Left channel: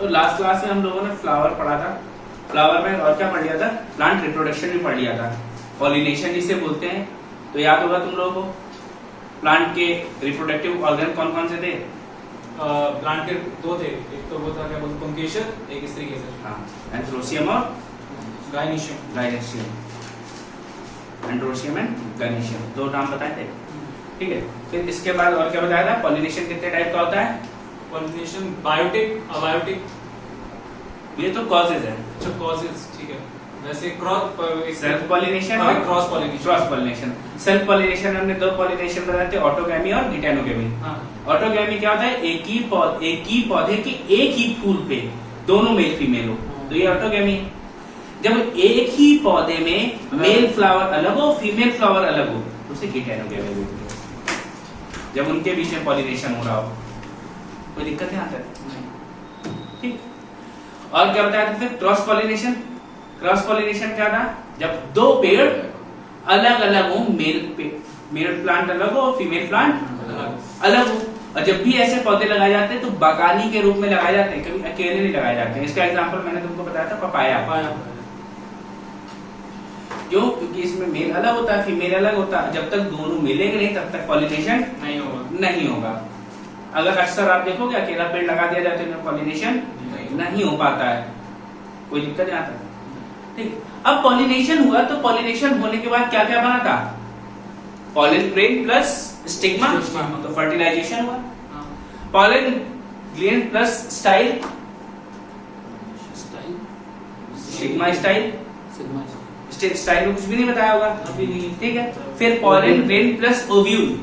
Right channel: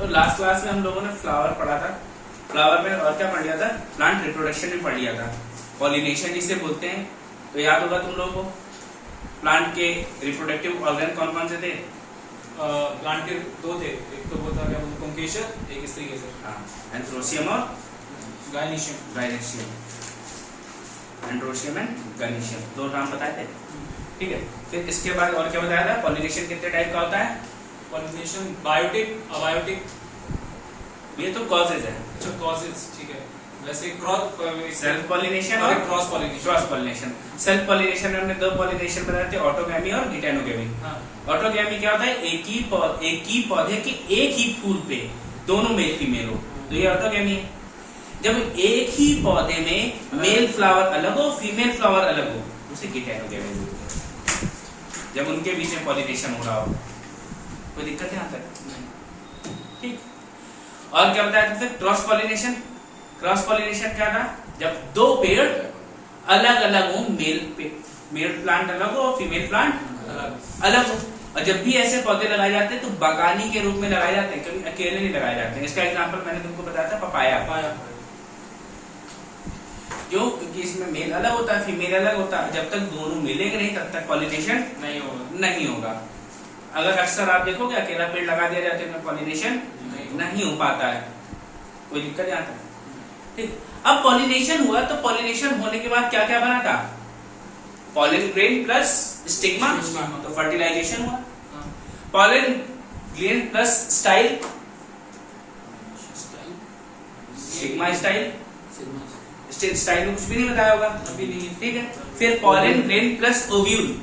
तो last class में हम लोगों ने फ्लावर पढ़ा था। फ्लावर में और क्या पढ़ लिया था? प्लांट रिप्रोडक्शन भी पढ़ लिया था, पॉलिनेशन जिसे बोलते हैं। तो याद होगा तुम लोगों को प्लांट के रिप्रोडक्टिव ऑर्गन कौन कौन से थे? प्लांट के दो थे, एक तो वो था क्या बोलते पुंकेसर, एक स्त्रीकेसर। हाँ, एंथ्रोसियम और गायनीशियम। गायनेशियम, एंड्रोशियम एंड गायनेशियम, दो नाम बताए थे। ठीक है, फिर इसके बाद और क्या बताया था? पॉलिनेशन कितने टाइप का होता है? Pollination biotic, abiotic. ये तो कॉजेज है। अच्छा, कॉजेज, ठीक है। वैसे क्रॉस सेल्फ पॉलिनेशन और cross pollination. Cross pollination. Self pollination में हमने दो पॉलिनेशन बताए थे, ऑटोगैमी और गिटेनोगैमी। हाँ। ऑटोगैमी क्या होता है? एक ही पौधे के एक ही फूल पे दोनों मेल फीमेल हो, तो ये ऑटोगैमी है। जब एक ही पौधे में मेल फ्लावर अलग हो, फीमेल फ्लावर अलग हो, तो उसे गिटेनोगैमी बोलते हैं। जब उनके बीच में पॉलिनेशन हो रहा हो, कोई दिक्कत नहीं आता। ठीक। और क्या बताया था फिर? Cross pollination. क्रॉस पॉलिनेशन क्या था? जब दो पेड़ अलग अलग हो, मेल प्लांट अलग हो और फीमेल प्लांट अलग हो। और जब भी ऐसे पौधे लगाए जाते हैं तो बागानी के रूप में लगाए जाते हैं, कभी अकेले नहीं लगाए जाते हैं। इसका एग्जांपल मैंने तुमको बताया था, पपाया। क्यों? क्योंकि इसमें मेल अलग होता है, फीमेल अलग होता है। जब तक दोनों मिलेंगे नहीं तब तक पॉलिनेशन नहीं होगा। अगर अक्सर आप देखोगे अकेला पेड़ लगा दिया जाता है तो पॉलिनेशन नहीं हो पाता है, कोई दिक्कत नहीं आता। ठीक। अब पॉलिनेशन हुआ तो पॉलिनेशन होने के बाद क्या क्या बना था? पॉलन ग्रेन प्लस स्टिग्मा, तो फर्टिलाइजेशन हुआ। Pollen grain plus style, stigma style. Style में कुछ भी नहीं बताया होगा अभी नहीं। ठीक है, फिर पॉलन ग्रेन प्लस ओव्यूल,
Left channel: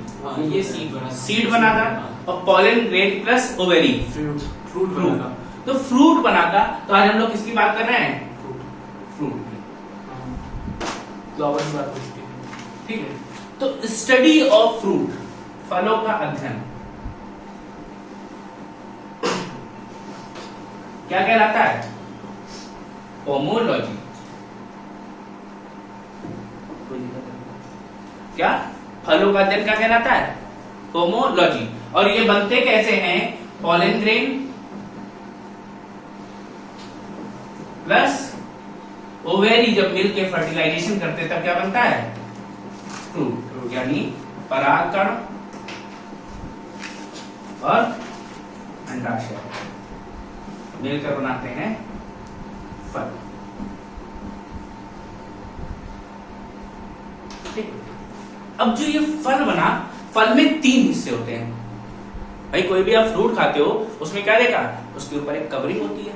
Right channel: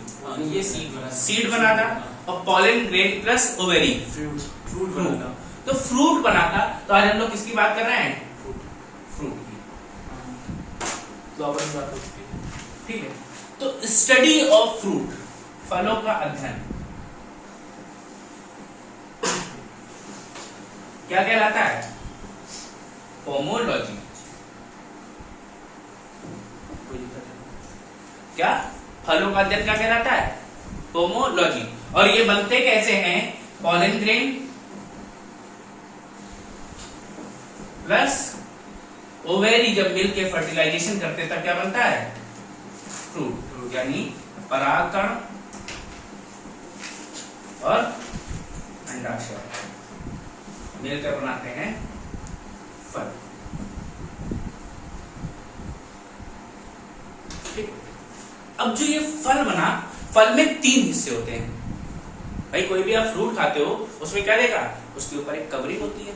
ये सीड बना था। और pollen grain plus ovary, fruit बना था। तो फ्रूट बना था। तो आज हम लोग किसकी बात कर रहे हैं? फ्रूट की, फ्लावर की बात हो चुकी है। ठीक है। तो स्टडी ऑफ फ्रूट, फलों का अध्ययन क्या कहलाता है? पोमोलॉजी। क्या? फलों का अध्ययन क्या कहलाता है? पोमोलॉजी। और ये बनते कैसे हैं? पॉलन ग्रेन प्लस ओवेरी जब मिल के फर्टिलाइजेशन करते तब क्या बनता है? फ्रूट, यानी परागकण और अंडाशय मिलकर बनाते हैं फल। ठीक। अब जो ये फल बना, फल में 3 हिस्से होते हैं। भाई कोई भी आप फ्रूट खाते हो उसमें क्या देखा? उसके ऊपर एक कवरिंग होती है।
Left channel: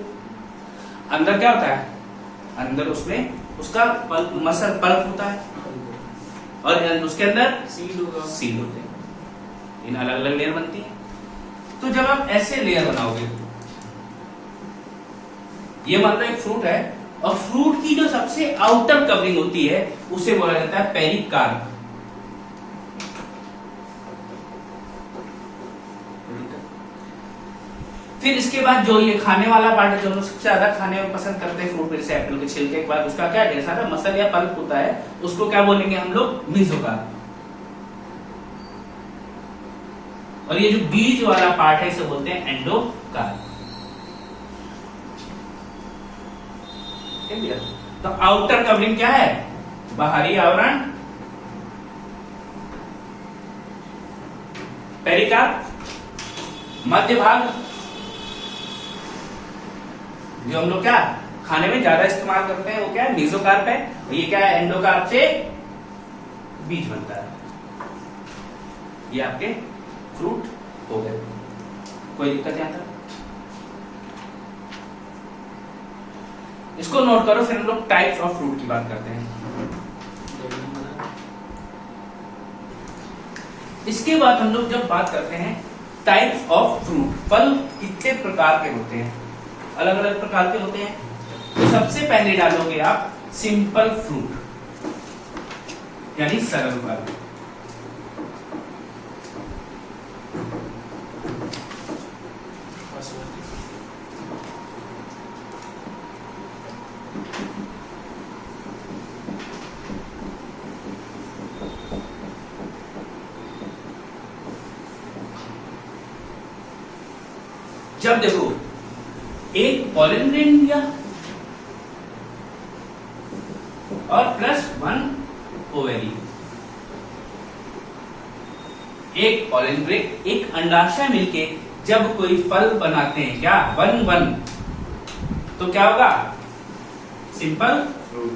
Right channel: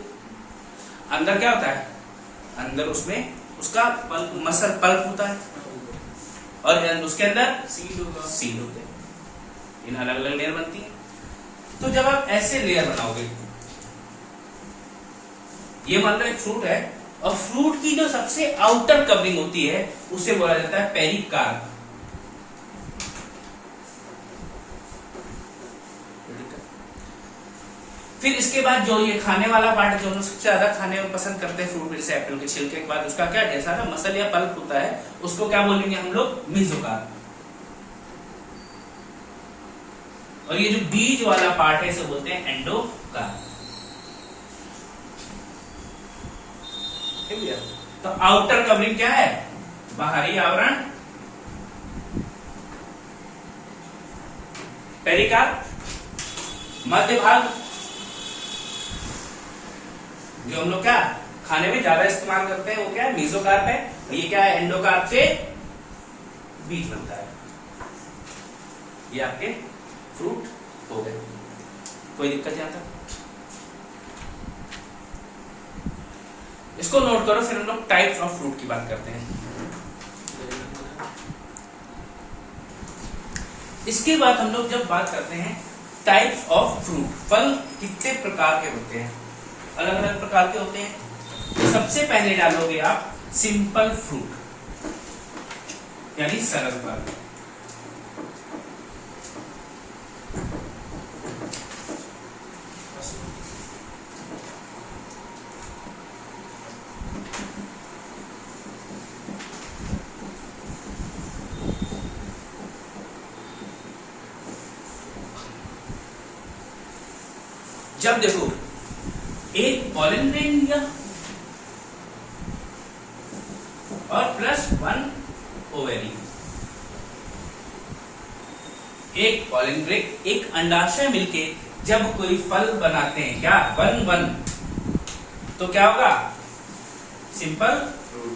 अंदर क्या होता है? अंदर उसमें उसका पल्प, मसल पल्प होता है। और उसके अंदर सीड होते हैं। इन अलग अलग लेयर बनती है। तो जब आप ऐसे लेयर बनाओगे, ये मान लो एक फ्रूट है और फ्रूट की जो सबसे आउटर कवरिंग होती है उसे बोला जाता है पेरिकार्प। फिर इसके बाद जो ये खाने वाला पार्ट है, जो लोग सबसे ज्यादा खाने में पसंद करते हैं फ्रूट, जैसे एप्पल के छिलके के बाद उसका क्या ढेर सारा मसल या पल्प होता है, उसको क्या बोलेंगे हम लोग? मेसोकार्प। और ये जो बीज वाला पार्ट है इसे बोलते हैं एंडोकार्प। तो आउटर कवरिंग क्या है? बाहरी आवरण पेरिकार्प। मध्य भाग जो हम लोग क्या खाने में ज्यादा इस्तेमाल करते हैं वो क्या है? मेसोकार्प है। और ये क्या है? एंडोकार्प से बीज बनता है। ये आपके फ्रूट हो गए, कोई दिक्कत नहीं आता। इसको नोट करो, फिर हम लोग टाइप्स ऑफ फ्रूट की बात करते हैं। इसके बाद हम लोग जब बात करते हैं टाइप्स ऑफ फ्रूट, फल कितने प्रकार के होते हैं? अलग अलग प्रकार के होते हैं। तो सबसे पहले डालोगे आप सिंपल फ्रूट, यानी सरल फल। जब देखो एक पॉलन ग्रेन लिया और +1 ओवेरी। एक पॉलन ग्रेन एक अंडाशय मिलके जब कोई फल बनाते हैं, क्या 1-1, तो क्या होगा? Simple fruit.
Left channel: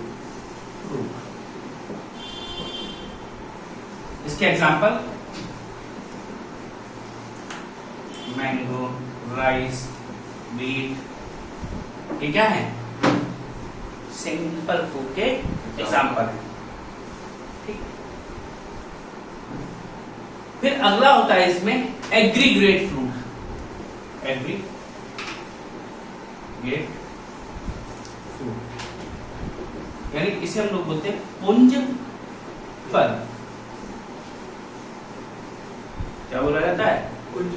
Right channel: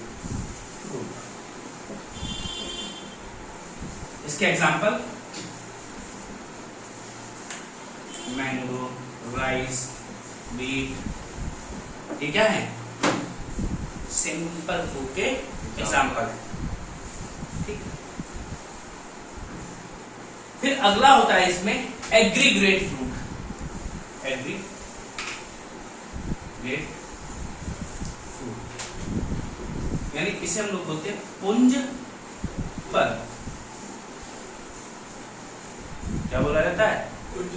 इसके एग्जांपल मैंगो, राइस, बीट, ये क्या है? सिंपल फ्रूट के एग्जांपल है। ठीक। फिर अगला होता है इसमें एग्रीग्रेट फ्रूट। एग्रीग्रेट फ्रूट यानी इसे हम लोग बोलते हैं पुंज फल। क्या बोला जाता है?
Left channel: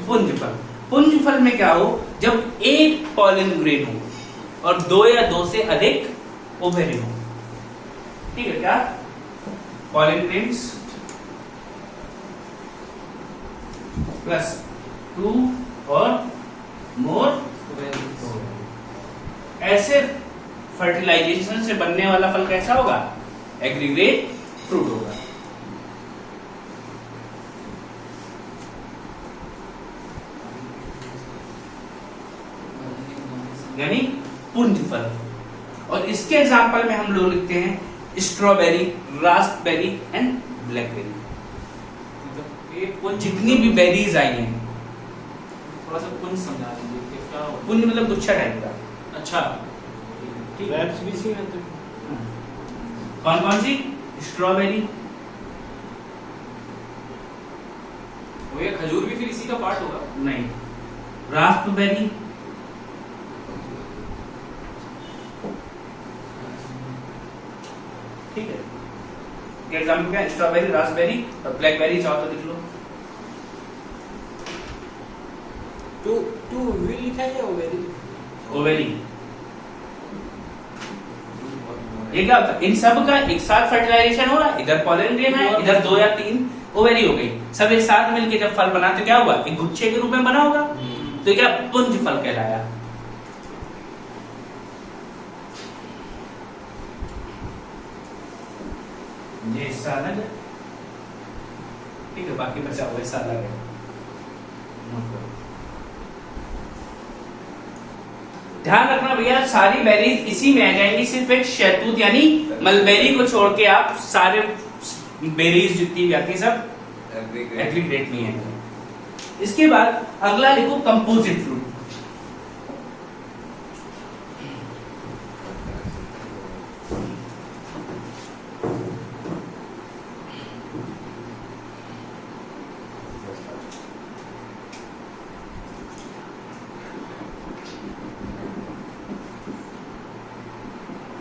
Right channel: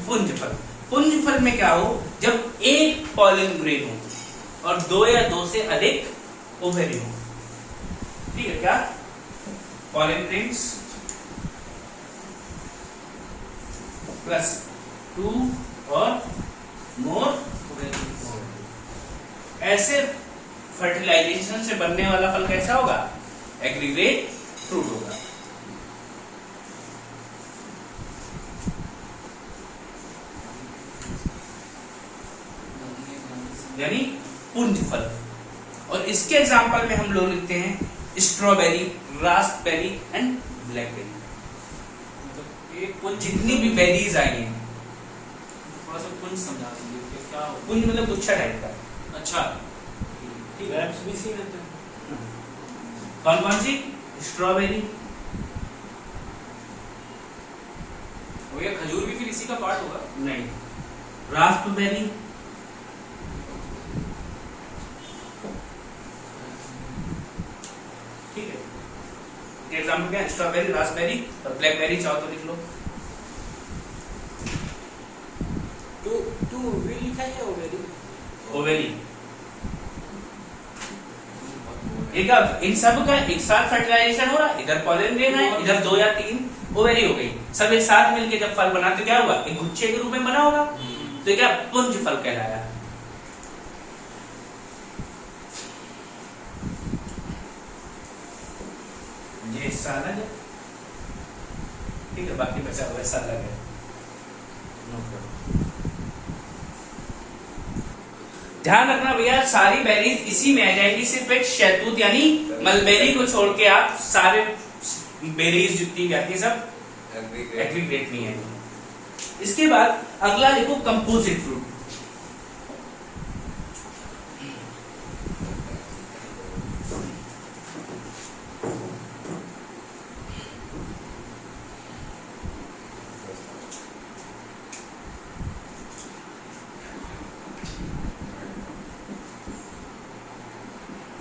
पुंज फल। पुंज फल में क्या हो? जब एक पॉलन ग्रेन हो और 2 या 2 से अधिक ओवेरी हो। ठीक है, क्या पॉलन ग्रेन्स +2 और मोर ऐसे फर्टिलाइजेशन से बनने वाला फल कैसा होगा? एग्रीग्रेट फ्रूट होगा। यानी पुंज फल। और इसके एग्जांपल में हम लोग लिखते हैं स्ट्रॉबेरी, रास्पबेरी एंड ब्लैकबेरी। मतलब जितनी भी बेरीज आई हैं, थोड़ा सा पुंज समझा दीजिए कि क्या होता है? पुंज मतलब गुच्छा टाइप का। अच्छा, ग्रेप्स भी इसी में होते हैं। कौन कौन सी? स्ट्रॉबेरी, वो ये खजूर भी फिर इसी का पार्ट होगा? नहीं, रास्पबेरी, ठीक है। एग्जाम्पल क्या? स्ट्रॉबेरी, रास्पबेरी और ब्लैकबेरी। चाहो तो लिख लो। टू वी लिखा है या ओवेरी? ओवेरी। ये क्या होता है? इन सब का एक साथ फर्टिलाइजेशन हो रहा है। इधर पॉलन ग्रेन है, इधर 2 या 3 ओवेरी हो गई। सब एक साथ मिलके जब फल बना तो क्या हुआ? एक गुच्छे के रूप में बना होगा। तो क्या पुंज फल कहलाया। ये हिस्सा अलग है, ठीक है, बाकी बचा हुआ हिस्सा अलग है। ध्यान रखना भैया, सारी बेरीज इसी में आ जाएंगी, सिर्फ एक शहतूत यानी मलबेरी को छोड़ के आप सारे बेरीज जितनी भी आती है सब एग्रीग्रेट में है। इसके बाद अगला लिखो कंपोजिट फ्रूट।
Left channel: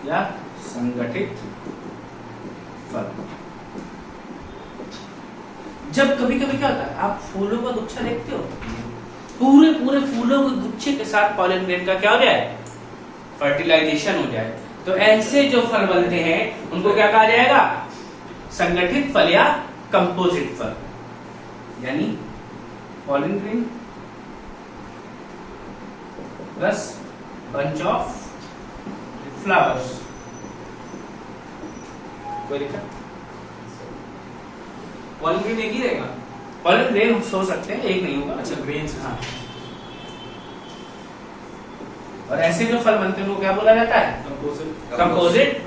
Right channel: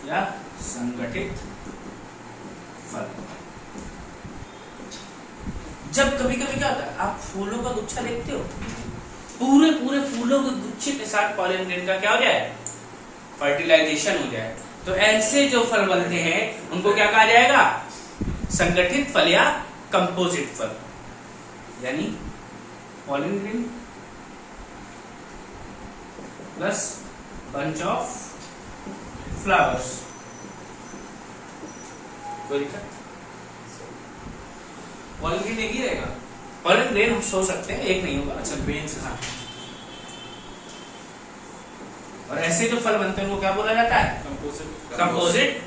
या संगठित फल। जब कभी कभी क्या होता है, आप फूलों का गुच्छा देखते हो, पूरे पूरे फूलों के गुच्छे के साथ पॉलन ग्रेन का क्या हो जाए? फर्टिलाइजेशन हो जाए। तो ऐसे जो फल बनते हैं उनको क्या कहा जाएगा? संगठित फल या कंपोजिट फल। यानी pollen grain plus bunch of flowers. Pollen grain एक ही रहेगा? पॉलन ग्रेन हम सोच सकते हैं, एक नहीं होगा। अच्छा, ग्रेन से। हाँ। और ऐसे जो फल बनते हैं वो क्या बोला जाता है? Composite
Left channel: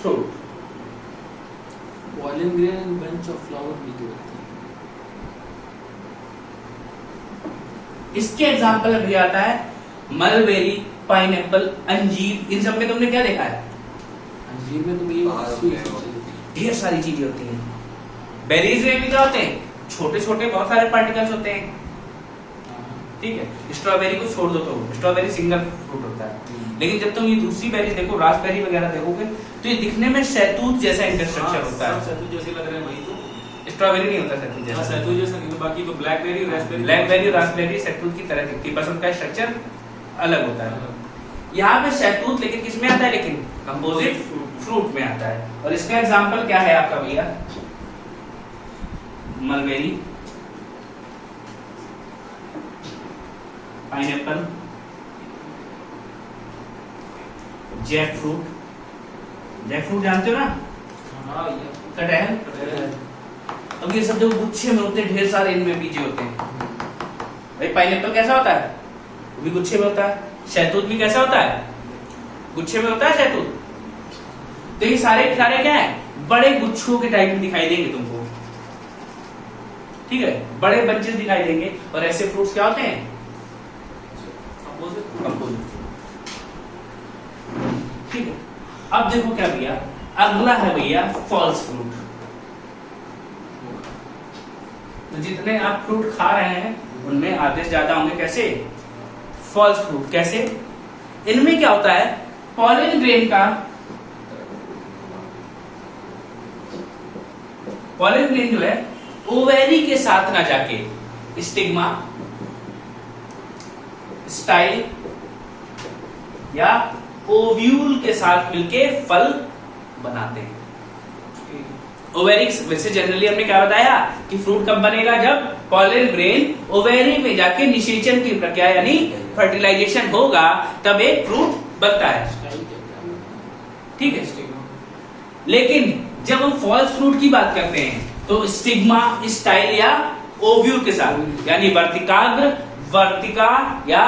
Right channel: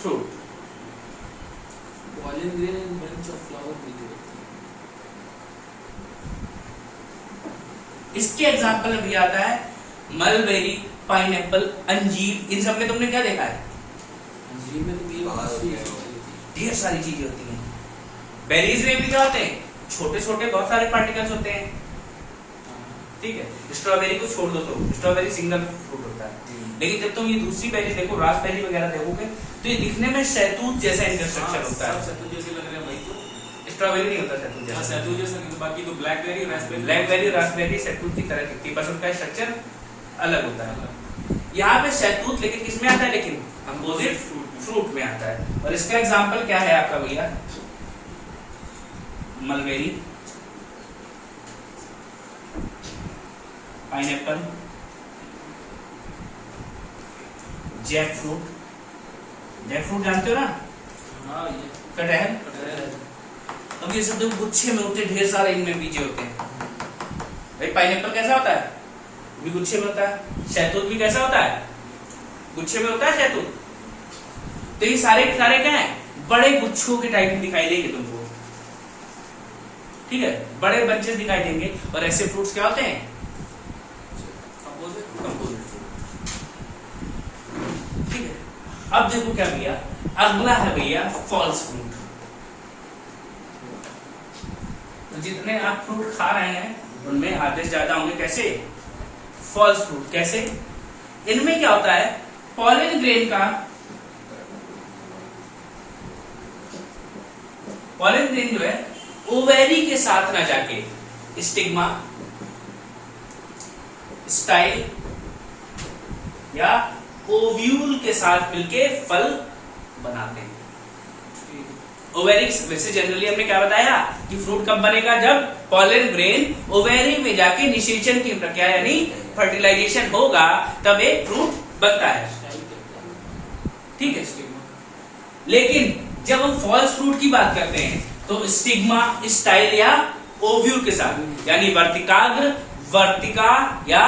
fruit. Pollen grain bunch of flower भी जो होती है। इसके एग्जाम्पल में भी आता है मलबेरी, पाइनएप्पल, अंजीर। इन सब में तुमने क्या देखा है? अंजीर में तो ये ढेर सारी चीजें होती हैं। बेरीज में भी क्या होते हैं? छोटे छोटे बहुत सारे पार्टिकल्स होते हैं। ठीक है, स्ट्रॉबेरी को छोड़ दो तो स्ट्रॉबेरी सिंगल फ्रूट होता है। लेकिन जब तुम ये दूसरी बेरी देखो, रास्पबेरी वगैरह देखोगे, तो ये दिखने में शहतूत जैसा इंटरस्ट्रक्चर होता है। शहतूत जैसे लग रहे हैं वही तो। स्ट्रॉबेरी नहीं होता शहतूत जैसा। शहतूत जैसा नहीं, तो बाकी तो ब्लैकबेरी, रास्पबेरी। ब्लैकबेरी, रास्पबेरी शहतूत की तरह दिखती है, बस उनका स्ट्रक्चर अलग होता है। यहाँ पे शहतूत लेकिन किसमें आता है? लेकिन कंपोजिट फ्रूट में आता है। और इसका एग्जाम्पल क्या है आपका भैया? Mulberry, pineapple, jackfruit, jackfruit जानते हो ना, हाँ ये कटहल। कटहल। अब ये सब जो गुच्छे में होते हैं ढेर सारे, इनमें बीजे होते हैं। भाई पाइनएप्पल कैसा होता है, वो भी गुच्छे में होता है। शहतूत भी कैसा होता है, गुच्छे में होता है शहतूत। तो ये सारे के सारे क्या है, बड़े गुच्छों के टाइप में दिखाई देंगे तुमको, ठीक है, बड़े बंचेस दिखाई देंगे। और ऐसे फ्रूट्स क्या होते हैं, कंपोजिट। ठीक है, अब देखो क्या भैया, अगला है भैया फॉल्स फ्रूट। तो जितने आप फ्रूट खा रहे हैं उनमें आधे से ज्यादा होंगे कैसे, फॉल्स फ्रूट। कैसे, इनमें क्या होता है, पॉलन ग्रेन का, पॉलन ग्रेन जो है ओवेरी के साथ ना जाके स्टिग्मा, स्टाइल या ओव्यूल के साथ मिलके फल बनाते हैं। ओवेरिक्स, वैसे जनरली हमने क्या बताया कि फ्रूट कब बनेगा, जब पॉलन ग्रेन ओवेरी में जाके निषेचन की प्रक्रिया यानी फर्टिलाइजेशन होगा, तब एक फ्रूट बनता है। ठीक है, लेकिन जब हम फॉल्स फ्रूट की बात करते हैं तो स्टिग्मा, स्टाइल या ओव्यूल के साथ यानी वर्तिकाग्र, वर्तिका या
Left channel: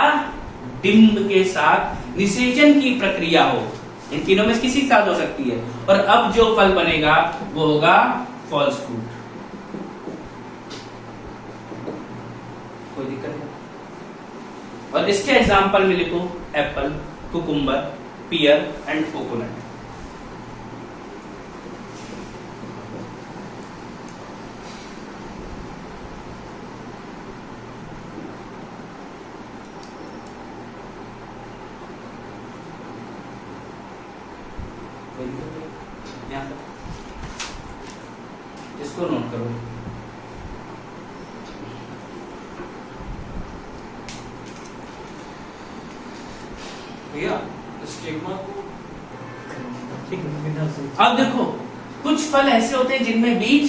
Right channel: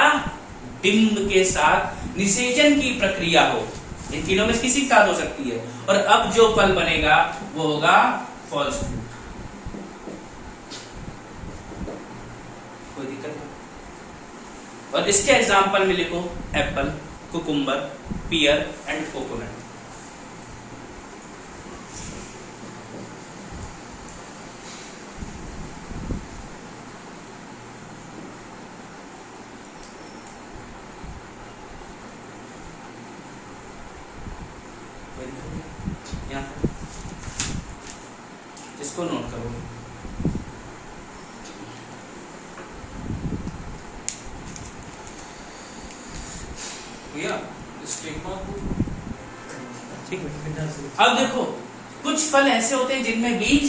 डिंब के साथ निषेचन की प्रक्रिया हो, इन तीनों में किसी के साथ हो सकती है। और अब जो फल बनेगा वो होगा फॉल्स फ्रूट। कोई दिक्कत है? और इसके एग्जाम्पल में लिखो apple, cucumber, pear and coconut. इसको नोट करो। भैया स्टिग्मा को अब देखो, कुछ फल ऐसे होते हैं जिनमें बीज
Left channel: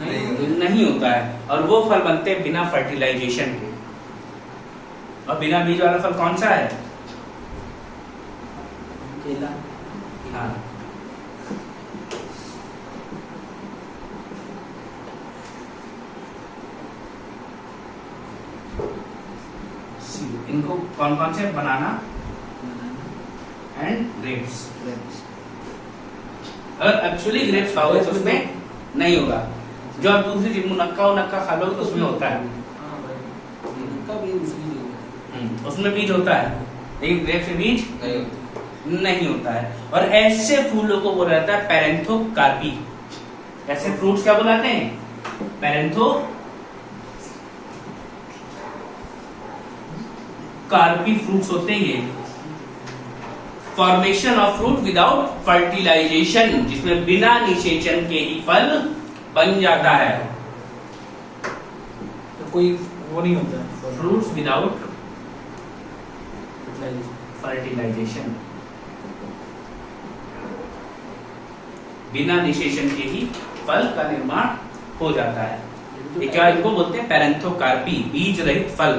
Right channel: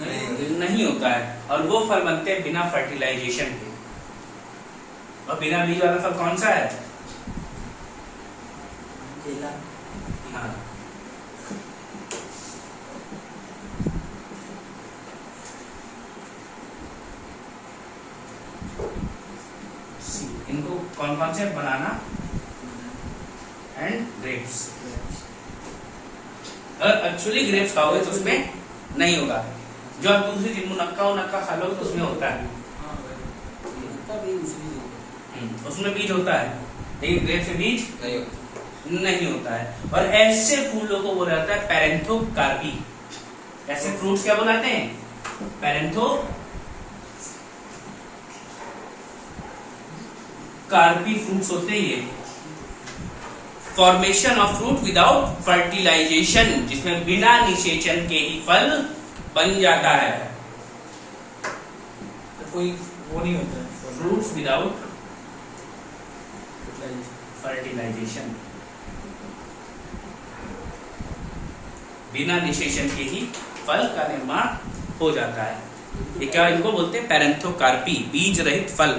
नहीं होता है और वो फल बनते हैं बिना फर्टिलाइजेशन के। और बिना बीज वाला फल कौन सा है, केला। हाँ, इनको कौन कौन से, बनाना एंड ग्रेप्स। अगर एक्चुअली ग्रेप्स खाओगे तो उसमें नहीं होगा, जो आप दूसरी चीज मुनक्का खा लोगे तो उसमें होता है, उसमें बीज होता है, लेकिन ग्रेप्स में बीज नहीं होता है। और ऐसे फूलों को वो रहता है पैरेंथोकार्पी। ऐसे फ्रूट्स क्या बुलाते हैं, पैरेंथोकार्पी फ्रूट्स होते हैं ये। Formation of fruit without fertilisation, जिसमें बिना निषेचन के ही फल बन जाता है। तो कोई वो नहीं होता है, फ्रूट्स विदाउट फर्टिलाइजेशन, बिना निषेचन के ही फल का निर्माण हो जाता है। ये क्या, इनको बोलते हैं पैरेंथोकार्पी, बीज रहित फल।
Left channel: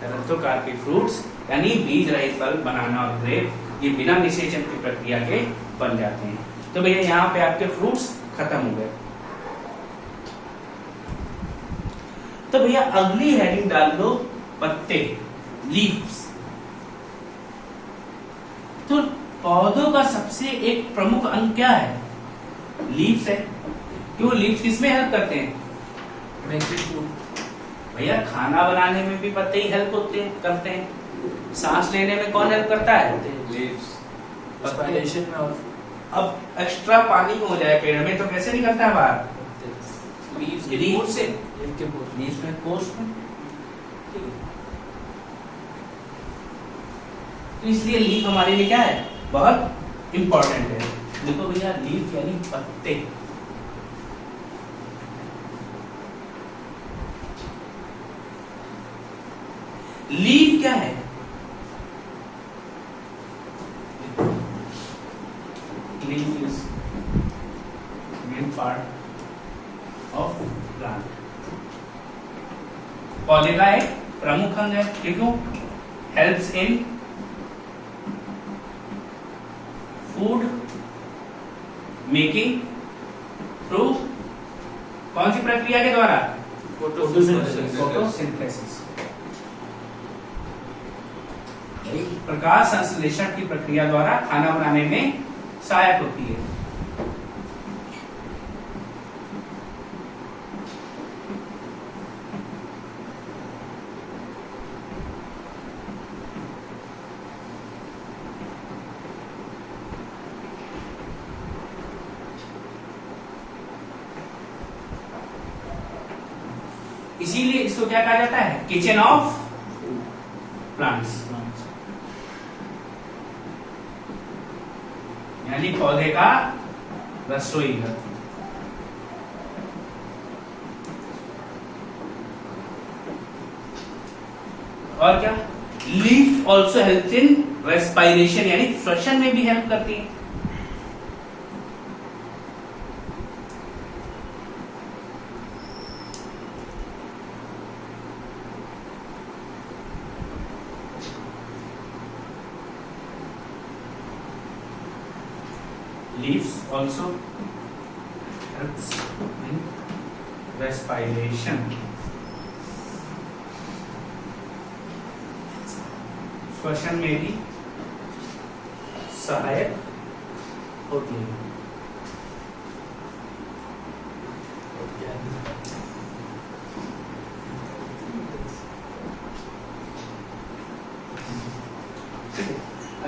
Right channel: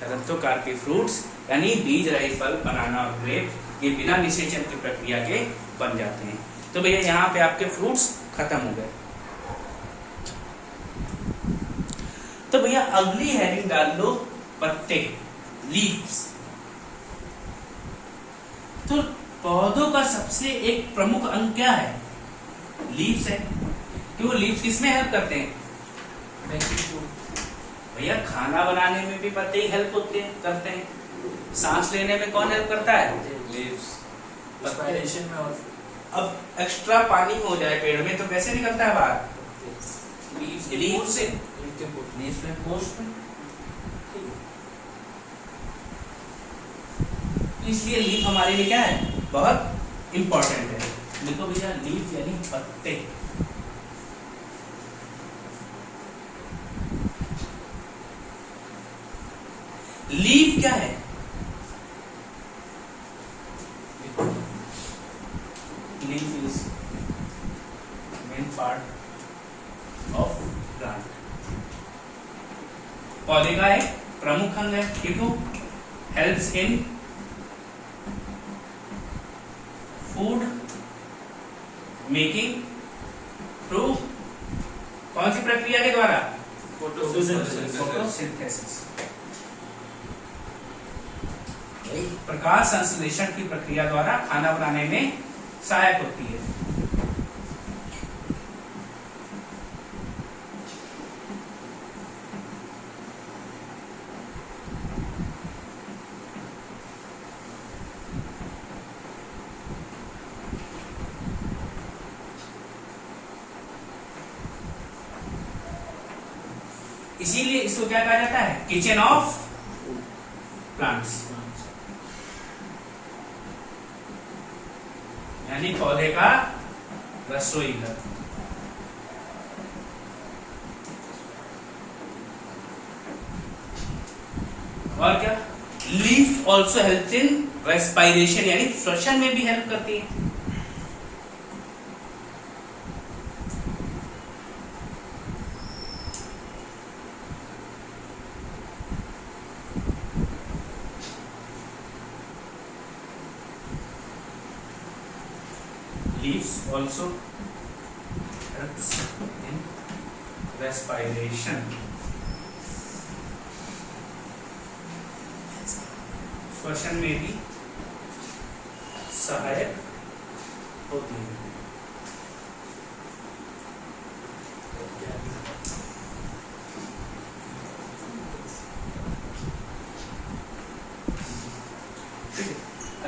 पैरेंथोकार्पी फ्रूट्स यानी बीज रहित फल, बनाना और ग्रेप, ये बिना निषेचन की प्रक्रिया के बन जाते हैं। तो भैया यहाँ पे आपके फ्रूट्स खत्म हो गए। तो भैया अगली हेडिंग डाल दो पत्ते, लीव्स। तो पौधों का सबसे एक प्रमुख अंग क्या है, लीव्स है। क्यों, लीव्स किसमें हेल्प करते हैं, भैया खाना बनाने में भी पत्ते ही हेल्प करते हैं। सांस लेने में कौन हेल्प करता है, Respiration में। अब एक्स्ट्रा पानी हो जाए पेड़ में तो कैसे निकलता है बाहर, लीव्स से, लीव्स में पोर्स में। तो इसलिए लीफ हमारे लिए क्या है, बहुत इंपॉर्टेंट है। देखो भैया, लीफ यानी पत्ते। लीफ क्या है, leaf is main part of plant. पौधे का एक प्रमुख अंग है, ठीक हो। Helps in food making through कौन सी प्रक्रिया के द्वारा? फोटोसिंथेसिस। प्रकाश संश्लेषण की प्रक्रिया द्वारा खाना बनाने में सहायक होती है। इसीलिए इसको क्या कहा जाता है? किचन ऑफ प्लांट्स, यानी पौधे का रसोई घर। और क्या? Leaf also help in respiration, यानी श्वसन में भी हेल्प करती है। Leaves also helps in respiration. श्वसन में भी सहायक होती है।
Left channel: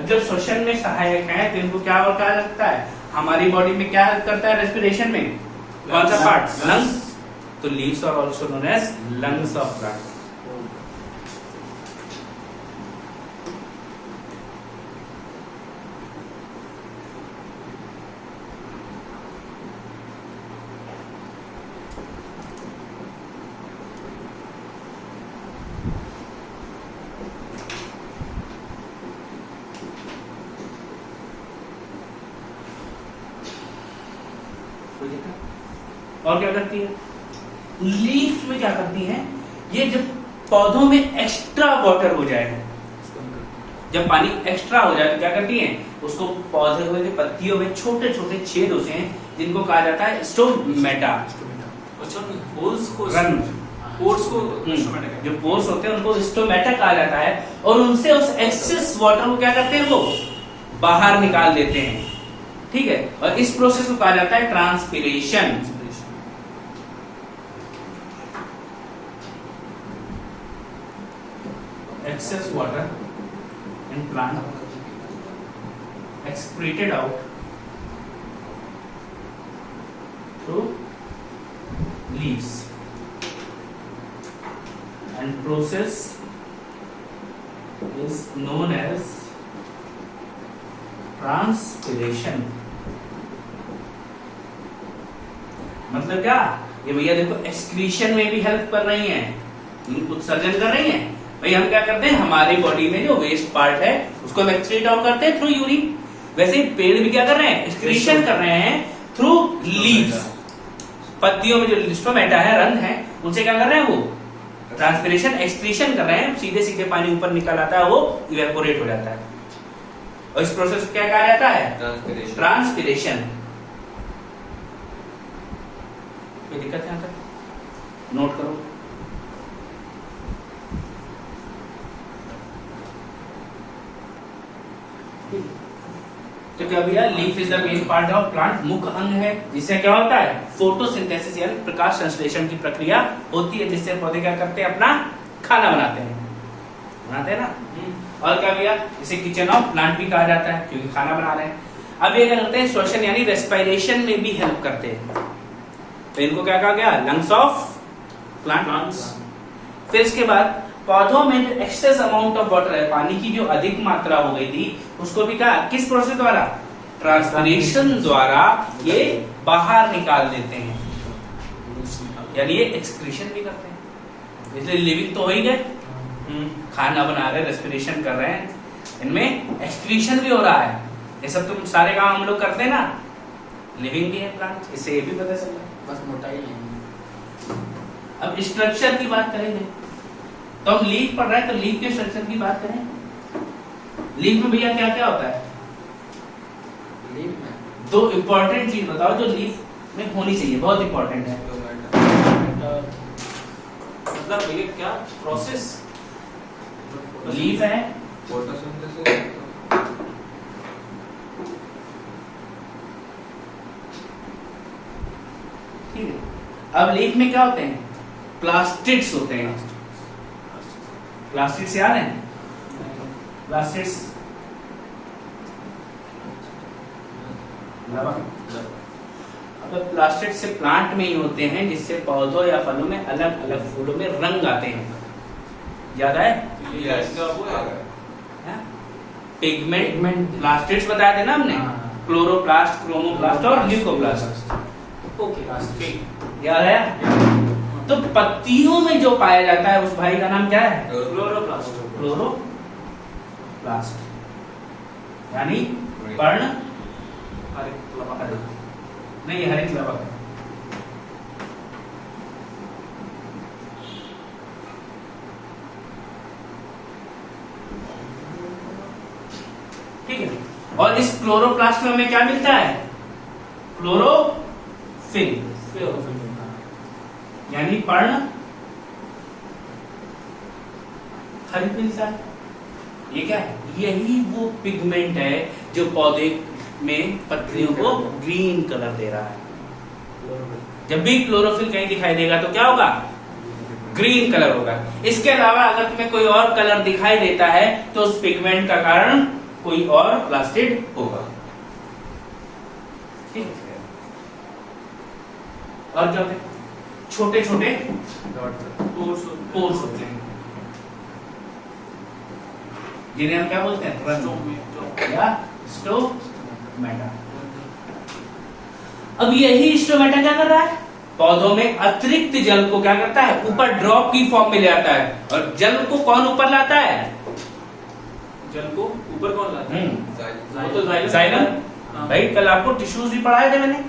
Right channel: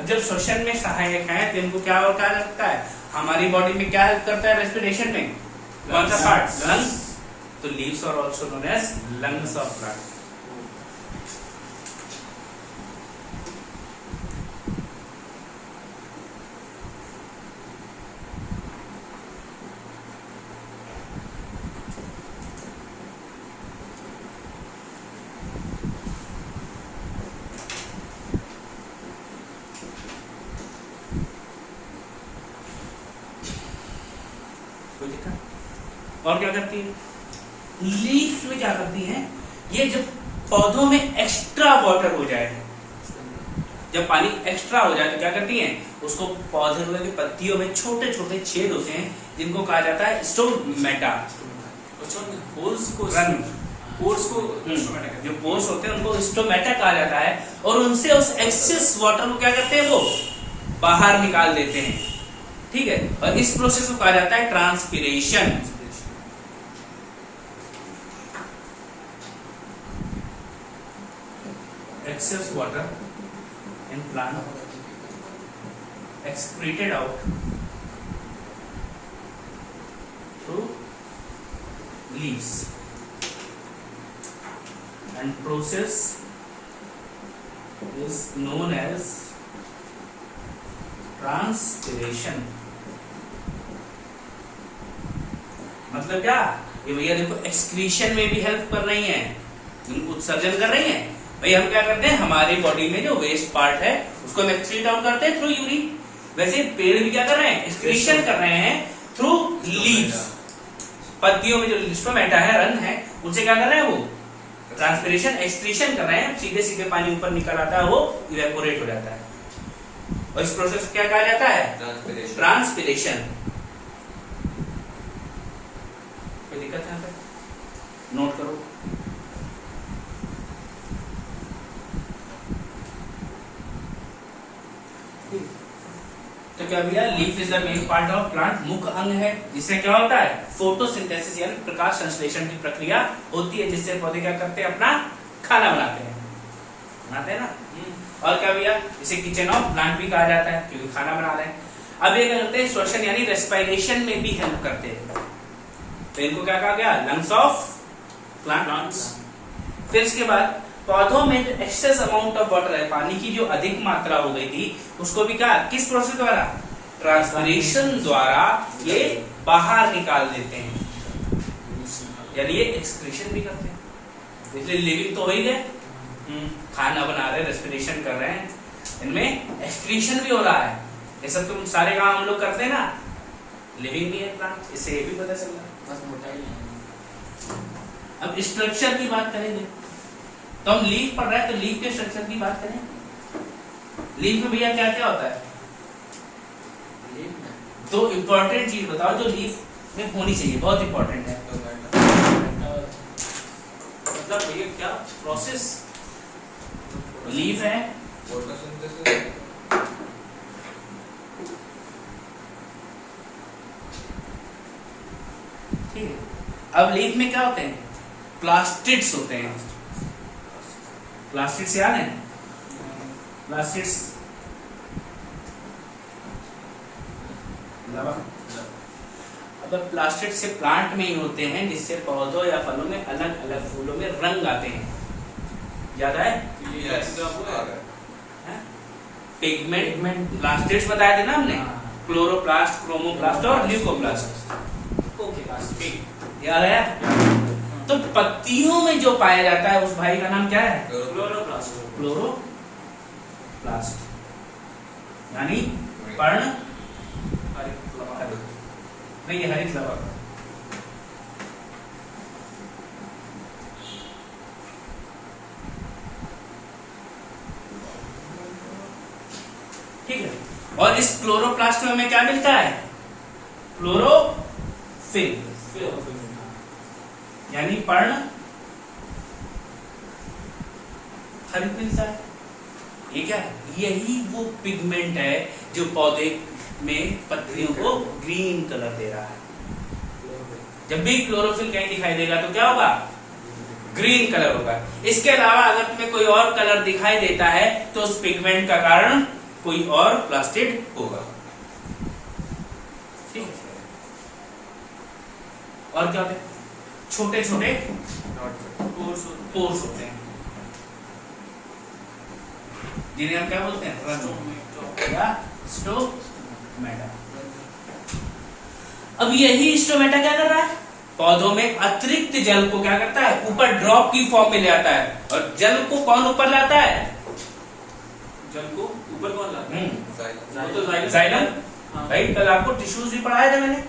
जब श्वसन में सहायक है तो इनको क्या और क्या लगता है? हमारी बॉडी में क्या हेल्प करता है रेस्पिरेशन में? कौन सा पार्ट? लंग्स। तो leaves are also known as lungs of plant. और क्या करती है? लीव्स में क्या करती हैं? ये जब पौधों में एक्स्ट्रा वाटर हो जाए, जब पानी एक्स्ट्रा हो जाए तो क्या करती हैं? उसको पौधे के पत्तियों में छोटे छोटे छेद होते हैं जिनको कहा जाता है स्टोमेटा। जो पोर्स होते हैं उनको स्टोमेटा कहा जाता है, और उनसे उस एक्सेस वाटर को क्या करते हैं? वो बाहर निकाल देते हैं। ठीक है, और इस प्रोसेस को कहा जाता है transpiration. Excess water in plant excreted out through leaves, and process is known as transpiration। मतलब क्या? ये भैया देखो एक्सक्रीशन में भी हेल्प कर रही हैं, उत्सर्जन कर रही हैं। भाई हम क्या करते हैं? हमारी बॉडी में जो वेस्ट पार्ट है उसको हम एक्सक्रीट आउट करते हैं थ्रू यूरिन। वैसे पेड़ भी क्या कर रहे हैं? एक्सक्रीशन कर रहे हैं थ्रू लीव्स। पत्तियों में जो स्टोमेटा है, रंग है, उनसे क्या कर रहे हैं? वो ट्रांसपिरेशन, एक्सक्रीशन कर रहे हैं। सीधे सीधे पानी ऊपर निकल आता है, वो इवेपोरेट हो जाता है। और इस प्रोसेस को क्या कहा जाता है? ट्रांसपिरेशन। कोई दिक्कत है? नोट करो। तो क्या भैया? Leaf is the main part of plant, मुख्य अंग है जिससे क्या होता है? फोटोसिंथेसिस यानी प्रकाश संश्लेषण की प्रक्रिया होती है, जिससे पौधे क्या करते हैं? अपना खाना बनाते हैं ना। और क्या भैया? इसे किचन ऑफ प्लांट भी कहा जाता है क्योंकि खाना बना रहे हैं। अब ये क्या करते हैं? श्वसन यानी रेस्पिरेशन में भी हेल्प करते हैं। तो इनको क्या कहा गया? Lungs of plants. फिर इसके बाद पौधों में जो एक्सेस अमाउंट ऑफ वाटर है, पानी की जो अधिक मात्रा हो गई थी, उसको भी क्या, किस प्रोसेस द्वारा? ट्रांसपिरेशन द्वारा ये बाहर निकाल देते हैं, यानी ये एक्सक्रीशन भी करते हैं। इसलिए लिविंग तो हो ही गए, खाना बना रहे, रेस्पिरेशन कर रहे हैं, इनमें एक्सक्रीशन भी हो रहा है। ये सब तुम सारे काम हम लोग करते हैं ना, लिविंग भी है प्लांट, इससे ये भी पता चल रहा है। बस मोटाई है। अब स्ट्रक्चर की बात करेंगे, तो हम लीफ पढ़ रहे हैं, तो लीफ के स्ट्रक्चर की बात करें। लीफ में भैया क्या क्या होता है? दो इंपॉर्टेंट चीज बताओ जो लीफ में होनी चाहिए, बहुत इंपॉर्टेंट है। मतलब भैया क्या प्रोसेस? लीफ है, फोटोसिंथेसिस। ठीक है। अब लीफ में क्या होते हैं? प्लास्टिड्स होते हैं। प्लास्टिड्स याद है? प्लास्टिड्स अब प्लास्टिड से प्लांट में ही होते हैं, जिससे पौधों या फलों में अलग अलग फूलों में रंग आते हैं। याद आए? पिगमेंट प्लास्टिड्स बताए थे ना हमने, क्लोरोप्लास्ट, क्रोमोप्लास्ट और ल्यूकोप्लास्ट। ओके, याद आया? तो पत्तियों में जो पाया जाता है उस भाई का नाम क्या है? क्लोरोप्लास्ट। क्लोरोप्लास्ट, यानी पर्ण नहीं, हरित लवक। ठीक है। और इस क्लोरोप्लास्ट में हमें क्या मिलता है? क्लोरोफिल, यानी पर्ण हरित मिलता है। ये क्या है? यही वो पिगमेंट है जो पौधे में पत्तियों को ग्रीन कलर दे रहा है। जब भी क्लोरोफिल कहीं दिखाई देगा तो क्या होगा? ग्रीन कलर होगा। इसके अलावा अगर तुम्हें कोई और कलर दिखाई देता है तो उस पिगमेंट का कारण कोई और प्लास्टिड होगा। ठीक है। और क्या होते हैं? छोटे छोटे पोर्स होते हैं, जिन्हें हम क्या बोलते हैं? या स्टोमेटा। अब यही स्टोमेटा क्या कर रहा है? पौधों में अतिरिक्त जल को क्या करता है? ऊपर ड्रॉप की फॉर्म में ले आता है। और जल को कौन ऊपर लाता है? जल को ऊपर कौन लाता है? वो तो जाइलम। हाँ। भाई कल आपको टिश्यूज भी पढ़ाए थे मैंने।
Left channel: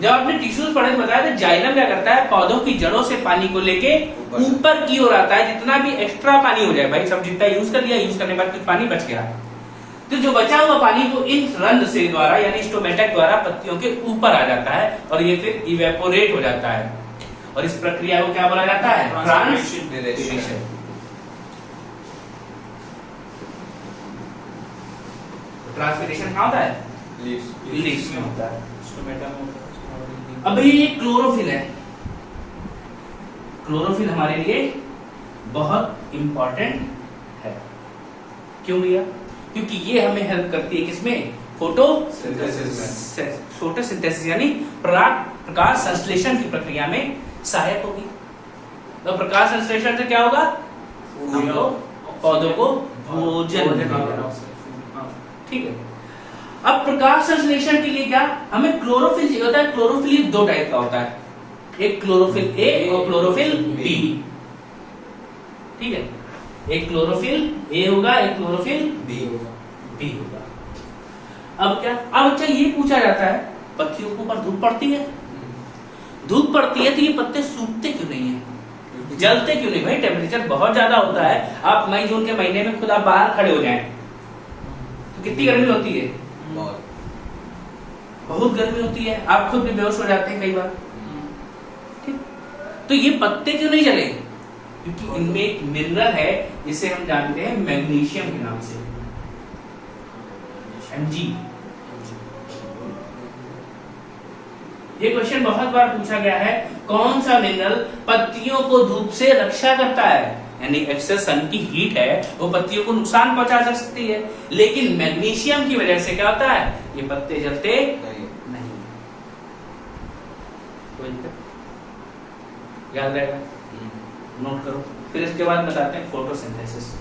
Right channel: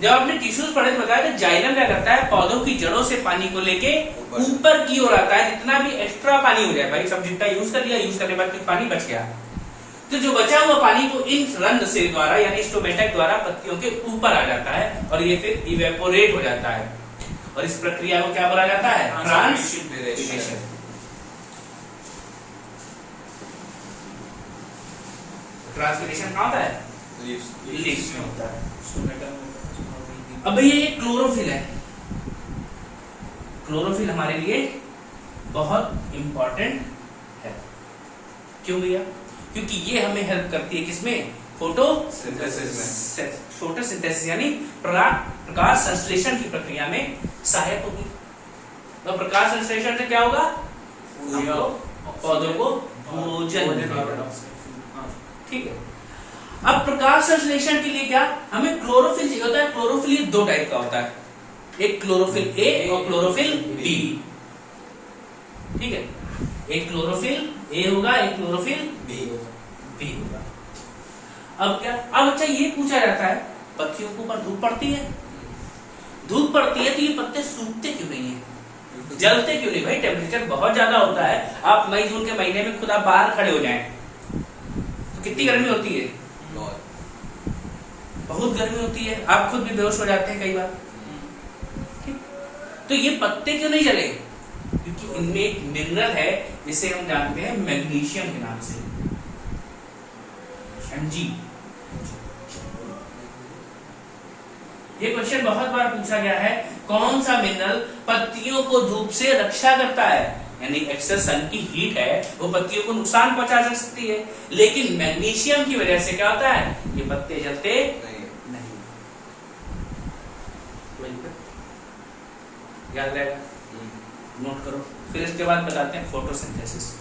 जब आपने टिश्यूज पढ़े बताया तो जाइलम क्या करता है? पौधों की जड़ों से पानी को लेके ऊपर की ओर आता है। जितना भी एक्स्ट्रा पानी हो जाए, भाई सब जितना यूज कर लिया, यूज करने के बाद कुछ पानी बच गया, तो जो बचा हुआ पानी को इन रंध्र से द्वारा यानी स्टोमेटा द्वारा पत्तियों के ऊपर आ जाता है और ये फिर इवेपोरेट हो जाता है। और इस प्रक्रिया को क्या बोला जाता है? ट्रांसपिरेशन। ट्रांसपिरेशन कहाँ होता है? लीव्स में होता है। अब ये क्लोरोफिल है। क्लोरोफिल हमारे लिए बहुत इंपॉर्टेंट है। क्यों भैया? क्योंकि ये हमें हेल्प करती है किसमें? फोटोसिंथेसिस यानी प्रकाश संश्लेषण की प्रक्रिया में सहायक होगी। तो प्रकाश संश्लेषण से क्या होगा? पौधों को भोजन मिलेगा। ठीक है। अब प्रकाश संश्लेषण के लिए क्या हमें क्लोरोफिल चाहिए होता है? क्लोरोफिल दो टाइप का होता है, एक क्लोरोफिल ए और क्लोरोफिल बी। ठीक है। एक क्लोरोफिल ए होगा, एक क्लोरोफिल बी होगा। अब क्या? अब अच्छा ये पूछा जाता है, पत्तियों के ऊपर धूप पड़ती है, धूप पड़ती है तो ये पत्ते सूखते क्यों नहीं है? जलते क्यों नहीं? भाई टेम्परेचर बहुत ज्यादा होता है। आप मई जून के महीने में खुद आप बाहर खड़े हो जाएं तो कितनी गर्मी होती है? बहुत गर्मी होती है। आप खुद भी बेहोश हो जाते हैं कई बार। ठीक। तो ये पत्ते क्यों नहीं जले? क्योंकि इनमें एक मिनरल है जिसे हम जानते हैं मैग्नीशियम के नाम से, Mg। ये क्वेश्चन बहुत बार पूछा गया है, कौन सा मिनरल पत्तियों को धूप से रक्षा करता है? यानी एक्सेस सन की हीट है वो पत्तियों को नुकसान पहुंचा सकती है, लेकिन मैग्नीशियम की वजह से क्या होता है? ये पत्ते जलते नहीं। याद रहेगा, नोट करो। फिर इसके बाद बताते हैं फोटोसिंथेसिस।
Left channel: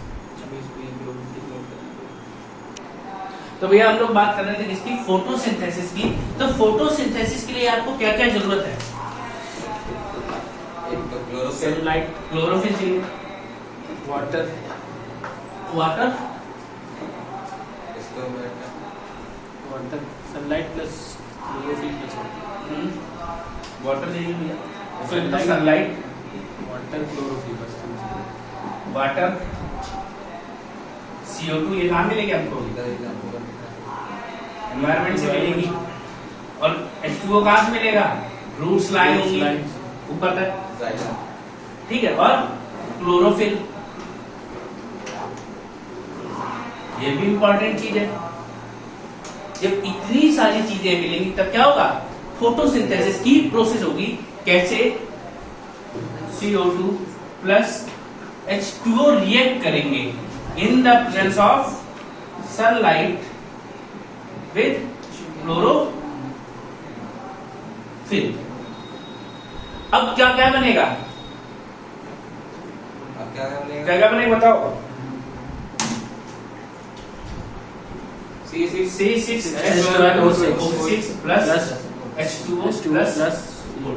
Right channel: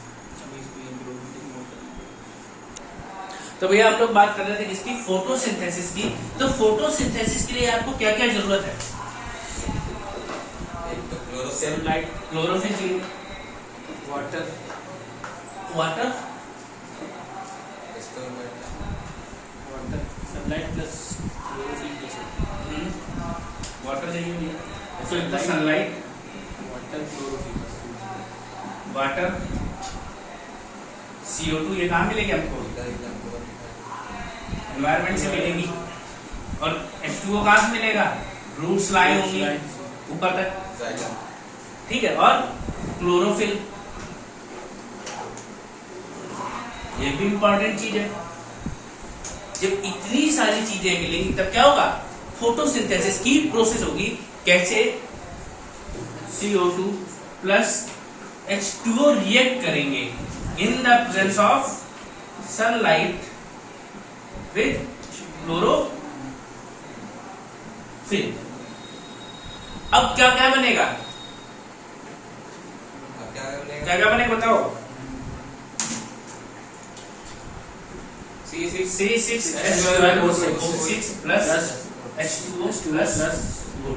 तो भैया हम लोग बात कर रहे थे किसकी? फोटोसिंथेसिस की। तो फोटोसिंथेसिस के लिए आपको क्या क्या जरूरत है? सेलुलाइट, क्लोरोफिल चाहिए, water, water, water, sunlight plus chlorophyll plus water चाहिए, Sunlight. सनलाइट, वाटर, क्लोरोफिल बस। वाटर, CO2 ये कहाँ मिलेगी हमको? एनवायरमेंट से मिलेगी। और H2O कहाँ से मिलेगा? रूट्स लाइन होंगी ऊपर तक, ठीक है। और क्लोरोफिल, ये भी इंपॉर्टेंट चीज है। जब इतनी सारी चीजें मिलेंगी तब क्या होगा? फोटोसिंथेसिस की प्रोसेस होगी। कैसे? CO2 प्लस H2O रिएक्ट करेंगे in the presence of sunlight with chlorophyll. अब क्या क्या बनेगा? क्या क्या बनेगा बताओ? C6H12O6 plus H2O plus O2।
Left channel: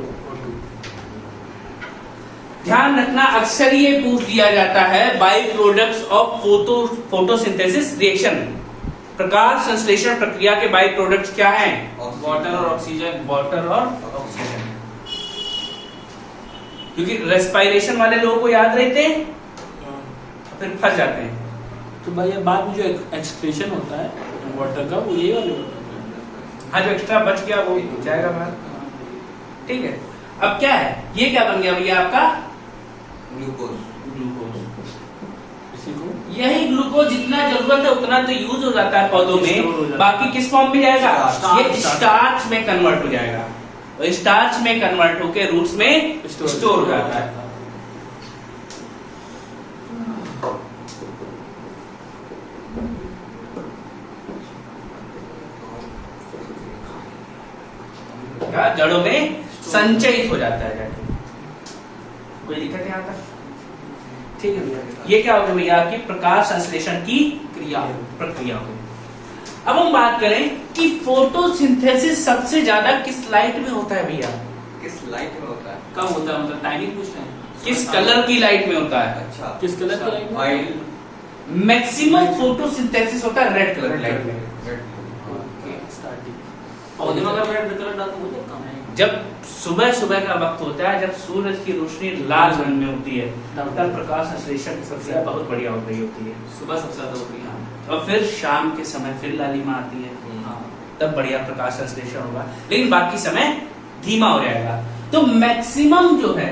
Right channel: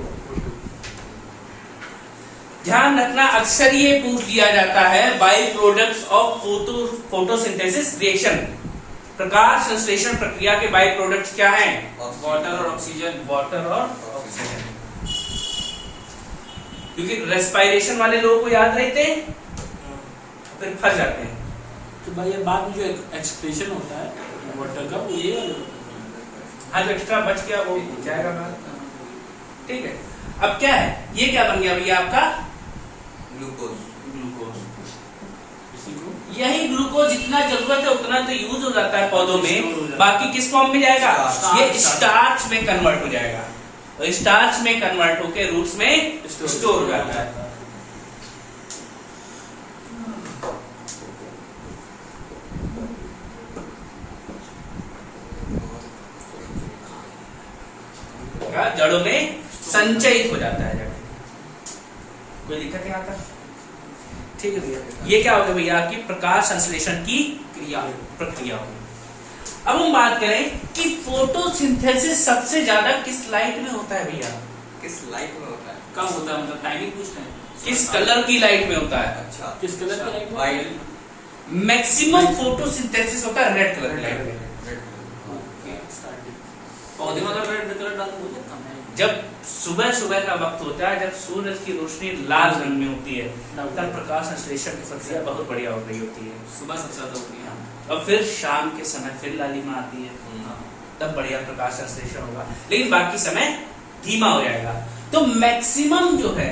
ध्यान रखना, अक्सर ये पूछ लिया जाता है by products of photosynthesis reaction, प्रकाश संश्लेषण प्रक्रिया के बाई प्रोडक्ट्स क्या हैं? वाटर और ऑक्सीजन। वाटर और ऑक्सीजन। क्योंकि रेस्पिरेशन वाले लोगों को याद रहते हैं, फिर फंस जाते हैं। तो भाई ये बाद में जो एक्सक्रीशन होता है वाटर का, वो ये वाला हाँ, जो एक्स्ट्रा बच गया वो जाएगा बाहर, ठीक है। अब क्या है? ये क्या बन गया भैया आपका? ग्लूकोज। इसी को यही ग्लूकोज जितना जरूरत है उतना तो यूज हो जाता है पौधों में, बाकी किस फॉर्म में जाएगा? ये स्टार्च में कन्वर्ट हो जाएगा, और स्टार्च में कन्वर्ट होकर रूट्स में स्टोर हो जाता है। जड़ों में संचयित हो जाता है जाके। कोई दिक्कत है आता? ठीक है भैया। ये क्या हो गया भैया? आपकी प्रकाश संश्लेषण की प्रक्रिया हो। अब हम बात करें कि फोटोसिंथेसिस सबसे ज्यादा किस लाइट में होता है भैया? किस लाइट में होता है? कब होता है, मतलब टाइमिंग पूछ रहे हैं? किस कलर की लाइट में होता है? अच्छा, किस कलर का लाइट? वाइट। मैक्सिमम फोटोसिंथेसिस होता है रेड कलर लाइट में। पौधे में अगर रेड कलर डाल तो कम है। जब सुबह सुबह का वक्त होता है, जब सूरज की रोशनी लाल रंग में होती है, तब प्रकाश संश्लेषण की प्रक्रिया बहुत बढ़िया हो रही होती है। सुबह सबसे ज्यादा होती है। और फिर शाम के समय फिर लालिमा आती है, हाँ। तब बढ़िया प्रकाश संश्लेषण होगा, लेकिन बाकी समय धीमा हो जाएगा। तो मैक्सिमम जो है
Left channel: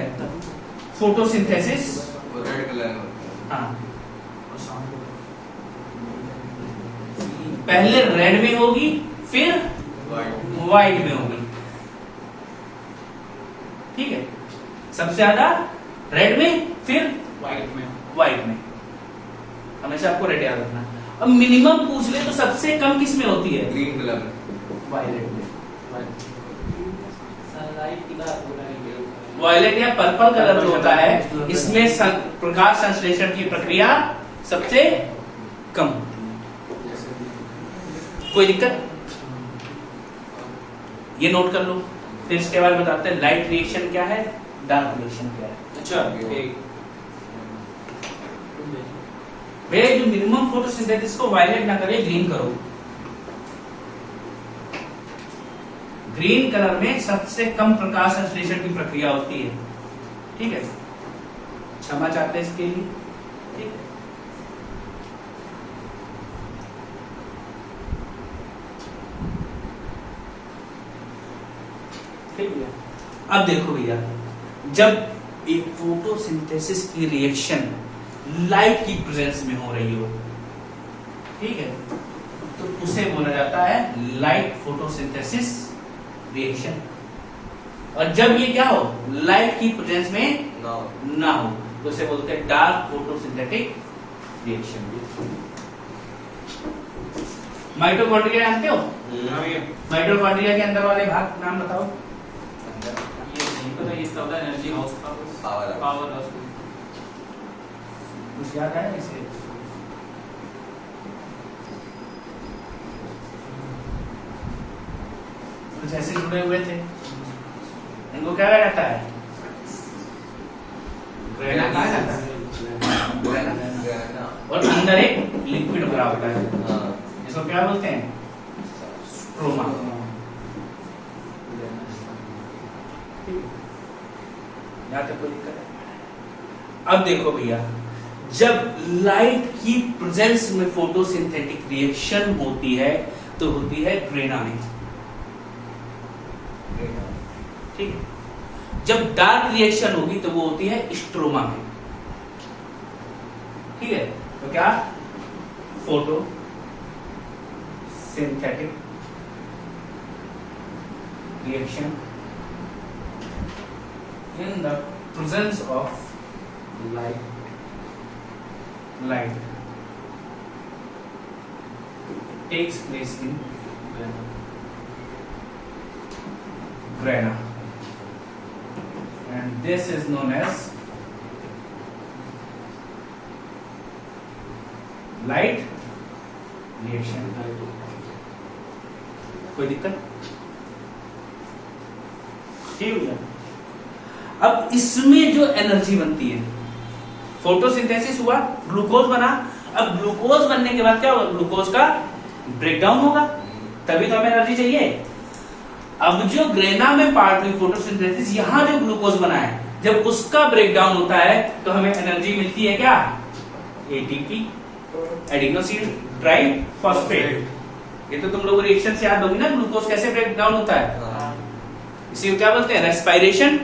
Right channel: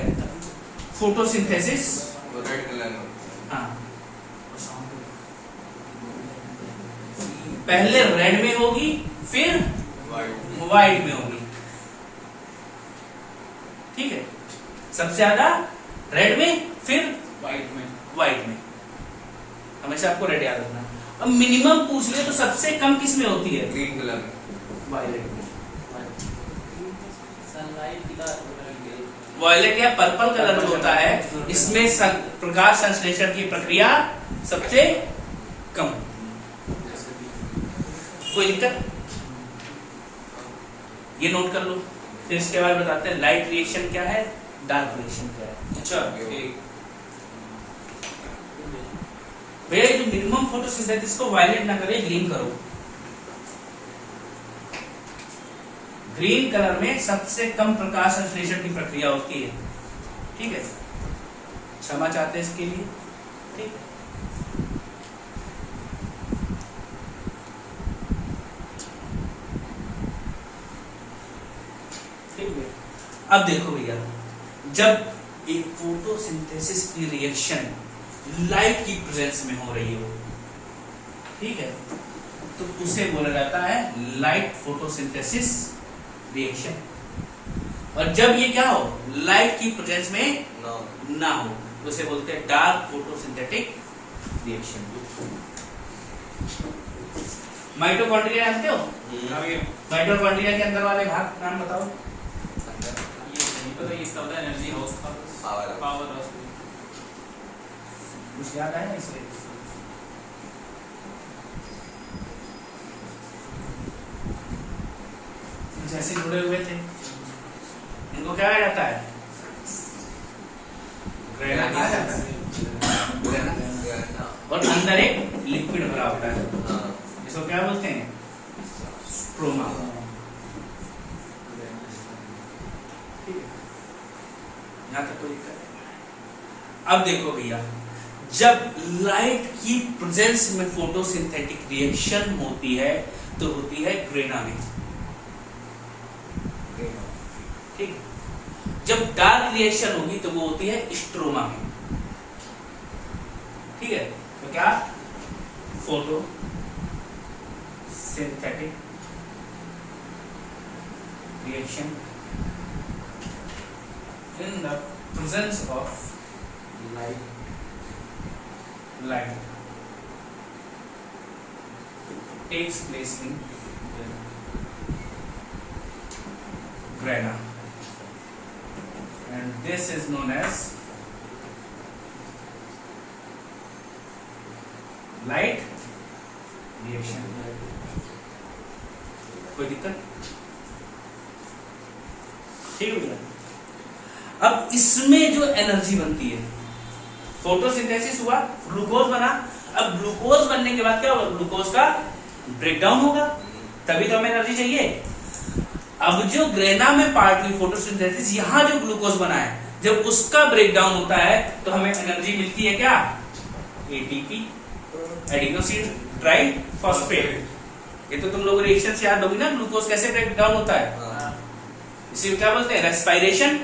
फोटोसिंथेसिस रेड कलर में होता हाँ पहले रेड में होगी, फिर है। व्हाइट में होगी, ठीक है। सबसे ज्यादा रेड में, फिर व्हाइट में। हमेशा आपको रेड याद रखना। अब मिनिमम पूछ ले तो सबसे कम किस में होती है? Green colour. वायलेट में। सनलाइट की बात हो रही है। वायलेट या पर्पल कलर जो होता है, इसमें प्रकाश संश्लेषण की प्रक्रिया सबसे कम होती है। कोई दिक्कत? ये नोट कर लो। फिर इसके बाद बताते हैं लाइट रिएक्शन क्या है, डार्क रिएक्शन क्या है। अच्छा, ठीक। भैया जो मिनिमम फोटोसिंथेसिस को वायलेट ना करे, ग्रीन करो। ग्रीन कलर में सबसे कम प्रकाश संश्लेषण की प्रक्रिया होती है, ठीक है। क्षमा चाहते हैं इसके लिए, ठीक है। अब देखो भैया, जब एक फोटोसिंथेसिस की रिएक्शन लाइट की प्रेजेंस में हो रही हो, ठीक है, तो उसे बोला जाता है लाइट फोटोसिंथेसिस रिएक्शन। और जब ये क्या हो, लाइट की प्रेजेंस में ना हो, तो उसे बोलते हैं डार्क फोटोसिंथेटिक रिएक्शन। माइटोकॉन्ड्रिया जानते हो? माइटोकॉन्ड्रिया के अंदर वाले भाग नाम बताओ। ये नहीं पता, ये इसका एनर्जी हाउस का पावर हाउस। कुछ याद आया इसलिए? कुछ ऐसे जुड़े हुए थे, इनको क्या कहा जाता है? ग्रेना कहा जाता है। और अंदर एक लिक्विड भरा होता है, इसको क्या बोलते हैं? स्ट्रोमा। यहाँ तक कोई दिक्कत है? अब देखो भैया, जब लाइट की प्रेजेंस में फोटोसिंथेटिक रिएक्शन होती है तो होती है ग्रेना में, ठीक है। जब डार्क रिएक्शन होगी तो वो होती है स्ट्रोमा में, ठीक है। तो क्या photo synthetic reaction in the presence of light takes place in grana, and this is known as light reaction. कोई दिक्कत? ठीक है। अब इसमें जो एनर्जी बनती है, फोटोसिंथेसिस हुआ, ग्लूकोज बना। अब ग्लूकोज बनने के बाद क्या होगा? ग्लूकोज का ब्रेकडाउन होगा, तभी तो हमें एनर्जी चाहिए। अब जो ग्रेना में पार्ट हुई फोटोसिंथेसिस, यहां जो ग्लूकोज बना है, जब उसका ब्रेकडाउन होता है तो हमें एनर्जी मिलती है क्या? ATP, adenosine triphosphate. ये तो तुम लोग रिएक्शन से याद होगी ना, ग्लूकोज कैसे ब्रेकडाउन होता है। इसे क्या बोलते हैं? रेस्पिरेशन,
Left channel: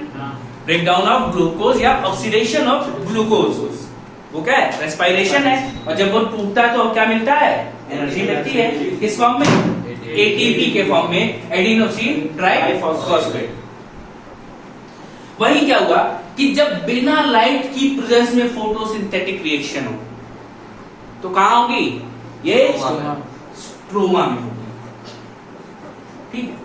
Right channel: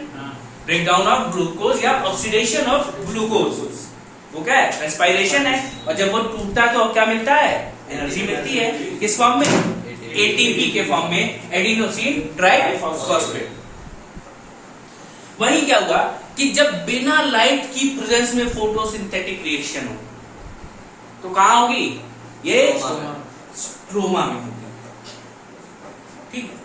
ब्रेकडाउन ऑफ ग्लूकोज या ऑक्सीडेशन ऑफ ग्लूकोज, वो क्या है? रेस्पिरेशन है। और जब वो टूटता है तो अब क्या मिलता है? एनर्जी मिलती है। किस फॉर्म में? एटीपी के फॉर्म में, एडिनोसिन ट्राइफॉस्फेट। वही क्या हुआ कि जब बिना लाइट की प्रेजेंस में फोटोसिंथेटिक रिएक्शन हो तो कहां होगी? ये स्ट्रोमा में होगी, ठीक है।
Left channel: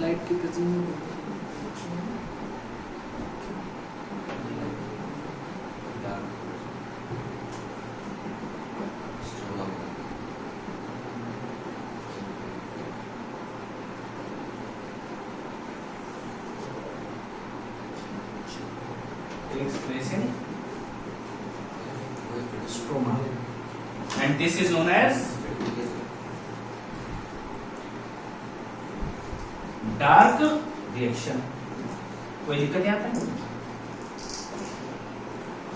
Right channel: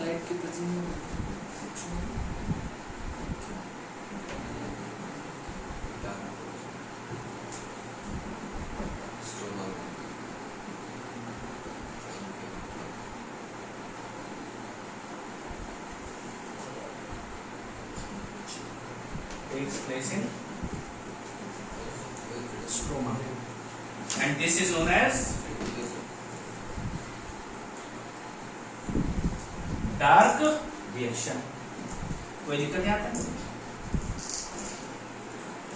लाइट की presence takes place in stroma, and this is known as dark reaction. कोई दिक्कत नहीं आता?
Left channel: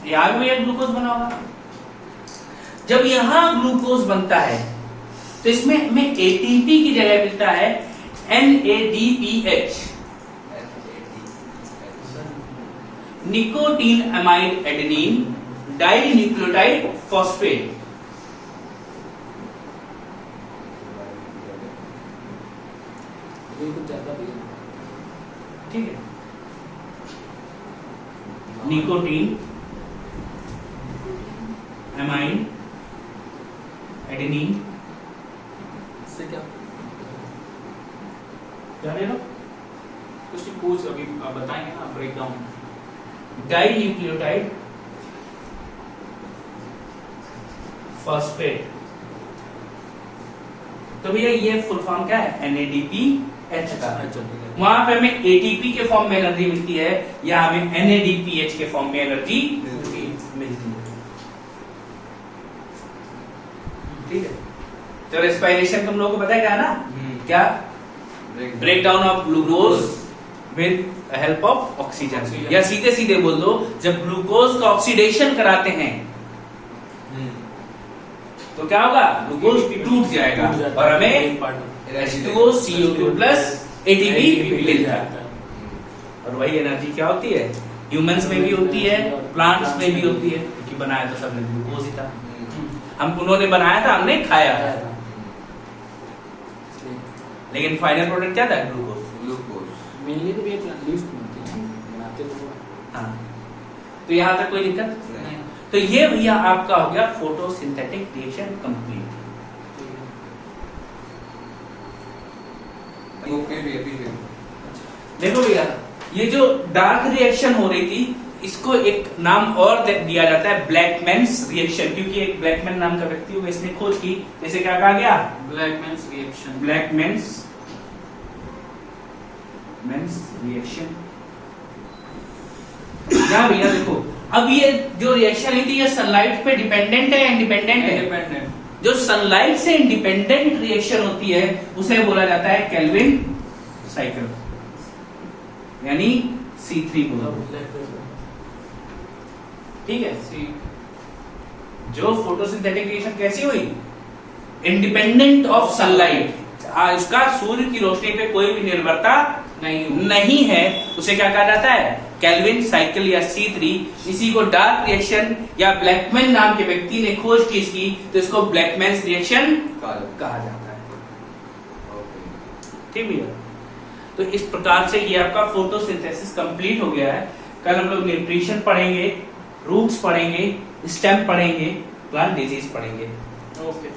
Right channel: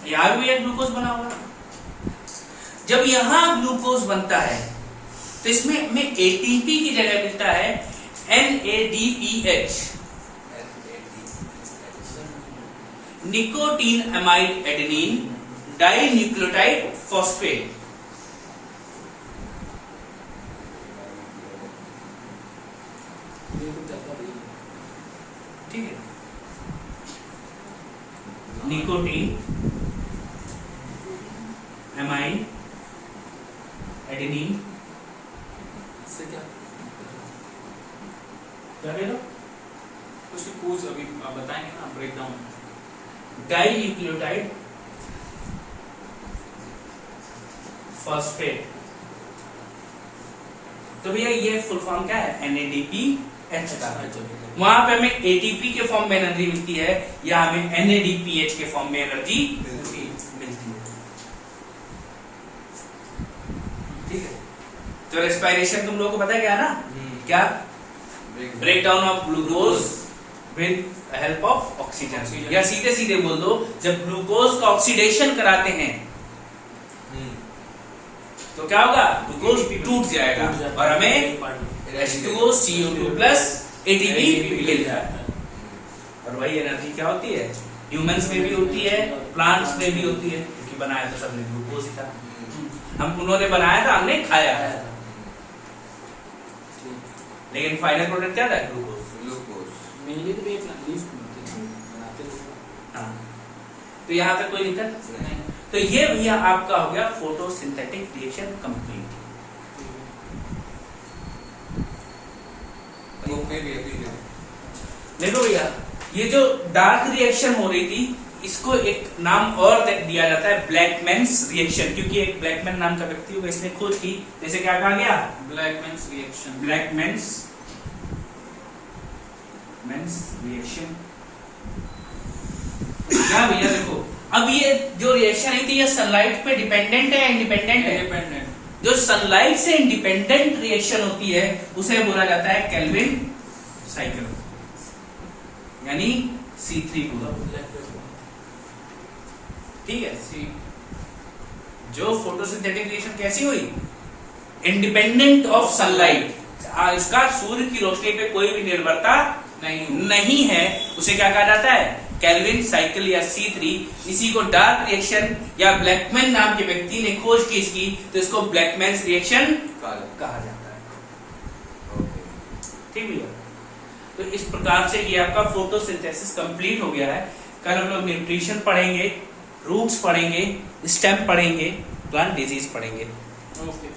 यहां भी एक ग्लूकोज बना हुआ। जब यहां ग्लूकोज बनता है तो इसमें हमें एटीपी की जगह मिलता है NADPH, nicotinamide adenine dinucleotide phosphate. ठीक है। निकोटीन एमाइन एडेनिन से क्या ले लो। कुछ नहीं, पूछ अभी आप बताएंगे ना ब्रेकडाउन। Die nucleotide phosphate. तो भैया ये फुल फॉर्म क्या है? NADPH का। वहां पे हमें ATP के फॉर्म में एनर्जी मिलती है, या हमें NADPH के फॉर्म में एनर्जी मिलती है, ठीक है। तो रेस्पिरेशन तुम लोगों को पता है क्या है ना? क्या? Breakdown of glucose with help of oxygen, या सीधे सीधे बोल दो, जब ग्लूकोज का ऑक्सीडेशन कराते हैं तो क्या होगा? ग्लूकोज टूट जाएगा और हमें H2O CO2 प्लस ATP मिलता है। और वही एनर्जी क्या होती है? ह्यूमंस में भी होती है, प्लांट्स में भी होती है, क्योंकि बनाया तो सबने ग्लूकोज ही था। हम उन्होंने बनाया था, हमने खाया था, लेकिन फाइनल प्रोडक्ट क्या था? ग्लूकोज। मेनली तो ये लीफ बनाते हैं। हाँ, तो यहाँ तक कोई दिक्कत नहीं। तो ये भैया आपका हो गया फोटोसिंथेटिक रिएक्शन कंप्लीट। देखो भैया, ये जो डार्क रिएक्शन हो रही थी, इसको एक नाम और दिया जाता है ब्लैकमैन्स रिएक्शन, क्योंकि एक ब्लैकमैन नाम का व्यक्ति हुआ, इसने खोज की। जैसे क्या कहा गया? ब्लैकमैन्स रिएक्शन। ब्लैकमैन्स रिएक्शन। क्या भैया देखो, अब ये जो रिएक्शन है ये सनलाइट पे डिपेंडेंट है, इंडिपेंडेंट है? इंडिपेंडेंट। जो सनलाइट से इंडिपेंडेंट रिएक्शन होती है उसे बोला जाता है केल्विन साइकिल, यानी C3 बोलो। ठीक है। सी जो फोटोसिंथेटिक रिएक्शन कैसी हुई, इंडिपेंडेंट ऑफ सनलाइट, इसका सूर्य की रोशनी पे कोई भी निर्भरता नहीं है, उसे क्या कहा जाता है, केल्विन साइकिल या C3। इसी को डार्क रिएक्शन या ब्लैकमैन नाम के व्यक्ति ने खोज की इसकी, तो इसको ब्लैकमैन्स रिएक्शन कहा जाता है। ठीक भैया, तो इस प्रकार से ये आपका फोटोसिंथेसिस कंप्लीट हो गया है। कल हम लोग न्यूट्रिशन पढ़ेंगे, रूट्स पढ़ेंगे, स्टेम पढ़ेंगे, प्लांट डिजीज पढ़ेंगे। ओके।